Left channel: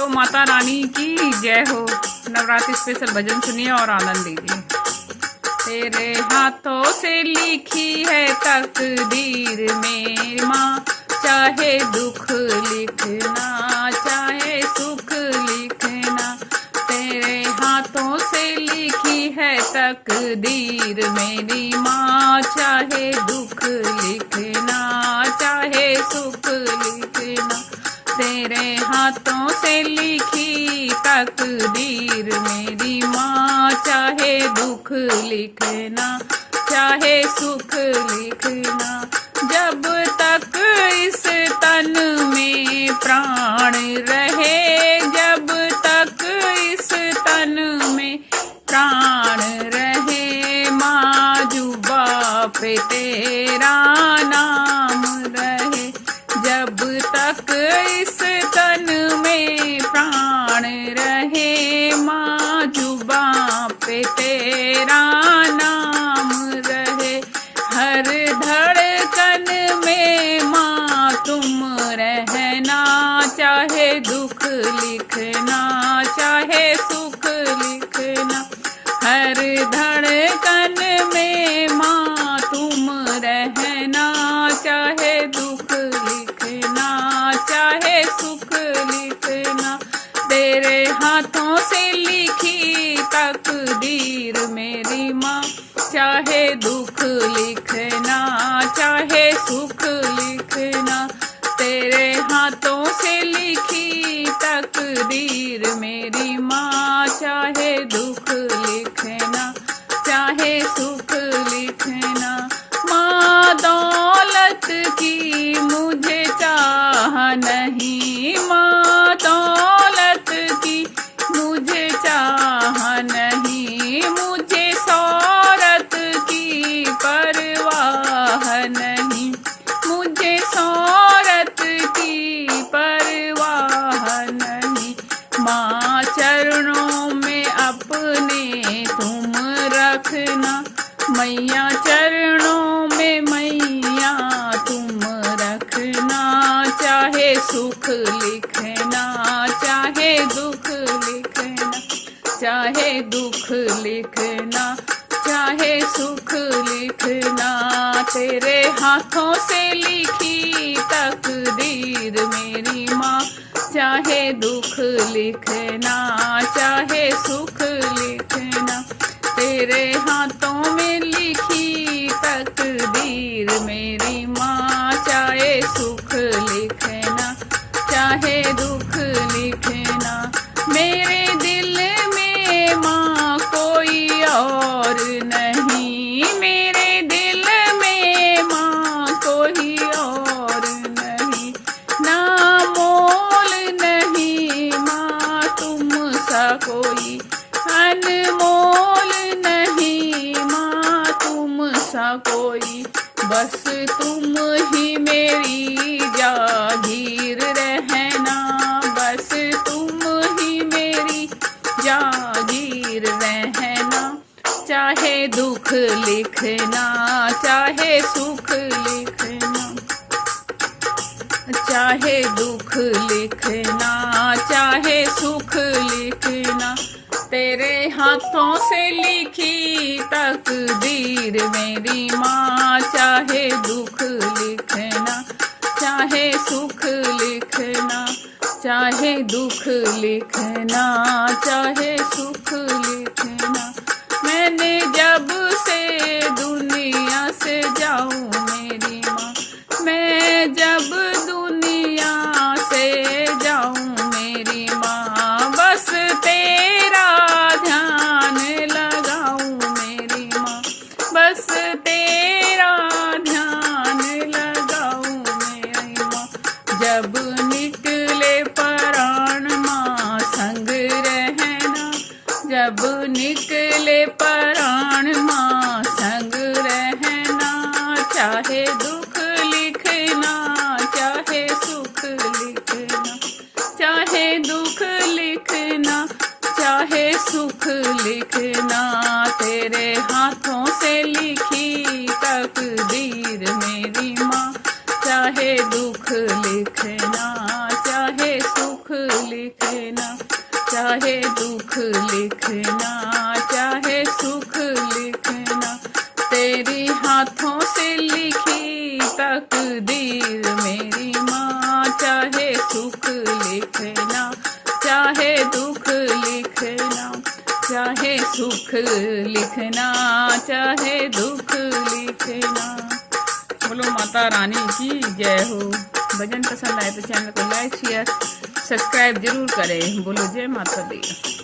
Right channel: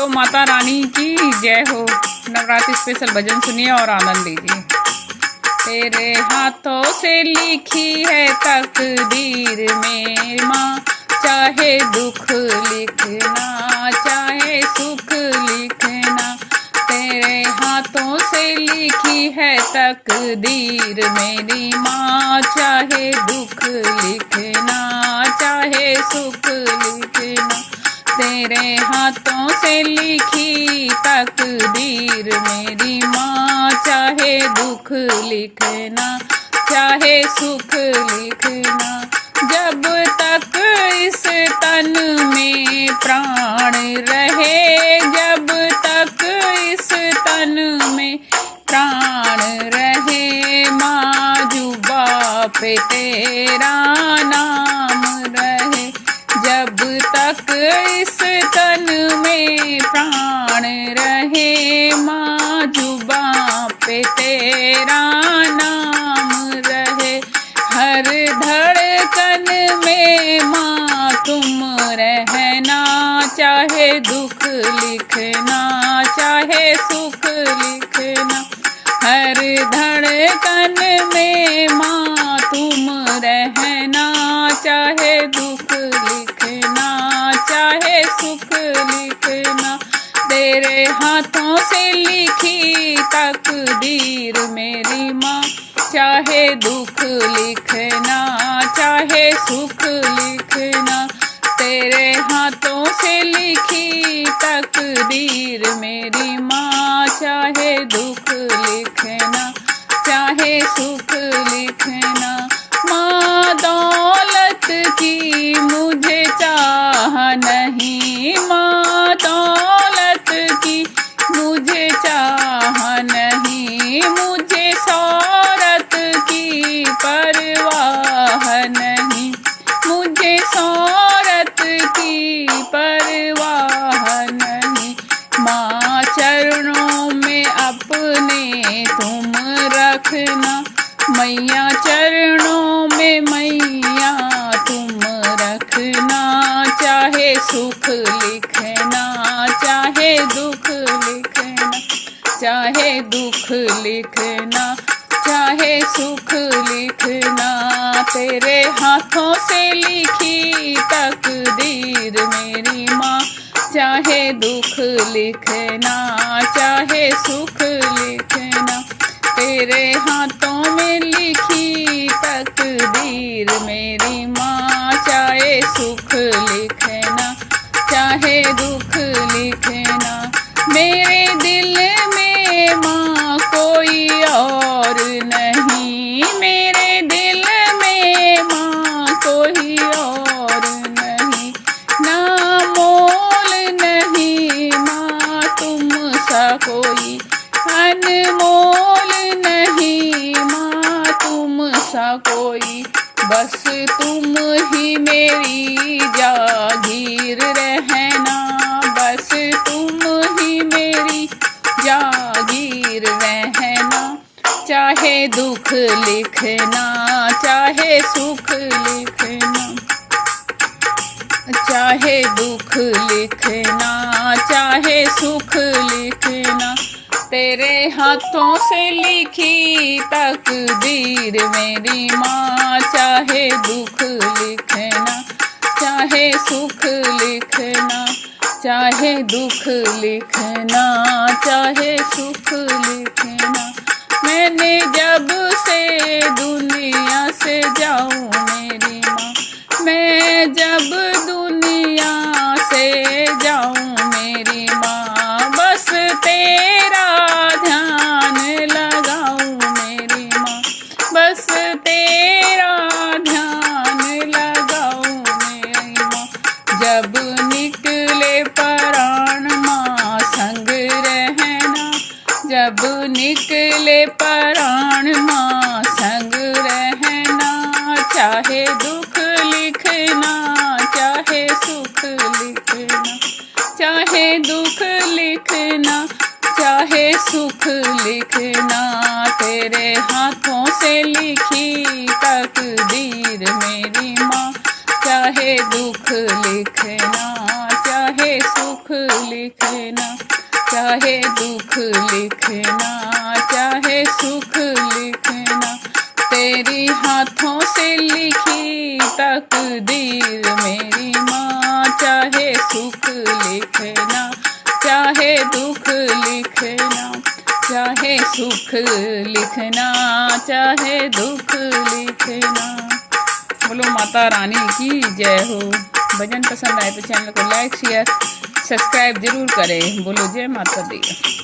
बोलो माता रानी की जय हो। नवरात्रि स्पेशल भजन सुनिए और आनंद लीजिए। तेरे हाथों से लिखी है तकदीर मेरी माँ, चाहे दुख लिखना चाहे सुख लिखना। तेरे हाथों से लिखी है तकदीर मेरी माँ, चाहे दुख लिखना चाहे सुख लिखना। तेरे हाथों से लिखी तकदीर मेरी माँ, चाहे दुख लिखना चाहे सुख लिखना। जब तक इस तन में प्राण रहे, जब तक इस तन में प्राण रहे, माँ जुबा पे तेरा नाम रहे। जब तक इस तन में प्राण रहे, माँ जुबा पे तेरा नाम रहे। हर धड़कन में माँ तुम रहना, चाहे दुख लिखना चाहे सुख लिखना। हर धड़कन में माँ तुम रहना, चाहे दुख लिखना चाहे सुख लिखना। तेरे हाथों से लिखी तकदीर मेरी माँ, चाहे दुख लिखना चाहे सुख लिखना। तेरे हाथों से लिखी तकदीर मेरी माँ, चाहे दुख लिखना चाहे सुख लिखना। माँ दौलत की मुझे चाह नहीं, माँ दौलत की मुझे चाह नहीं, मुझे शोहरत की परवाह नहीं, मुझे शोहरत की परवाह नहीं। माँ चरणों में अपने तुम रखना, मैया चरणों में मैया तुम रखना। चाहे सुख लिखना चाहे दुख लिखना, चाहे दुख लिखना चाहे सुख लिखना। तेरे हाथों से लिखी तकदीर मेरी माँ, चाहे दुख लिखना चाहे सुख लिखना। तेरे हाथों में लिखी तकदीर मेरी माँ, चाहे सुख लिखना चाहे दुख लिखना। मेरे दिल में माँ कोई और नहीं, मेरे दिल में माँ कोई और नहीं। ना मोल नहीं माँ तुम सा कोई, अनमोल नहीं माँ तुम सा कोई। बस तुम ही मेरी जागीर रहना, बस तुम ही मेरी जागीर रहना। चाहे दुख लिखना चाहे सुख लिखना, चाहे दुख लिखना चाहे सुख लिखना। तेरे हाथों से लिखी तकदीर मेरी माँ, चाहे दुख लिखना चाहे सुख लिखना। चाहे दुख लिखना चाहे सुख लिखना। मैंने जब से दुनिया से जाऊँ मेरी माँ, मैं जब दुनिया से जाऊँ मेरी माँ, बस तेरा ध्यान लगाऊँ मेरी माँ, बस तेरा ध्यान लगाऊँ मेरी माँ। जब निकले प्राण माँ संग रहना, जब निकले प्राण माँ संग रहना। चाहे दुख लिखना चाहे सुख लिखना, चाहे दुख लिखना चाहे सुख लिखना। तेरे हाथों से लिखी तकदीर मेरी माँ, चाहे दुख लिखना चाहे सुख लिखना। लिखना, चाहे दुख लिखना चाहे सुख लिखना, तेरी हाथों से लिखी तकदीर मेरी माँ। चाहे सुख लिखना चाहे दुख लिखना, चाहे सुख लिखना चाहे दुख लिखना। बोलो माता रानी की जय हो। भजन पसंद आए तो चैनल को लाइक शेयर सब्सक्राइब जरूर करें। बोलो जय माता दी।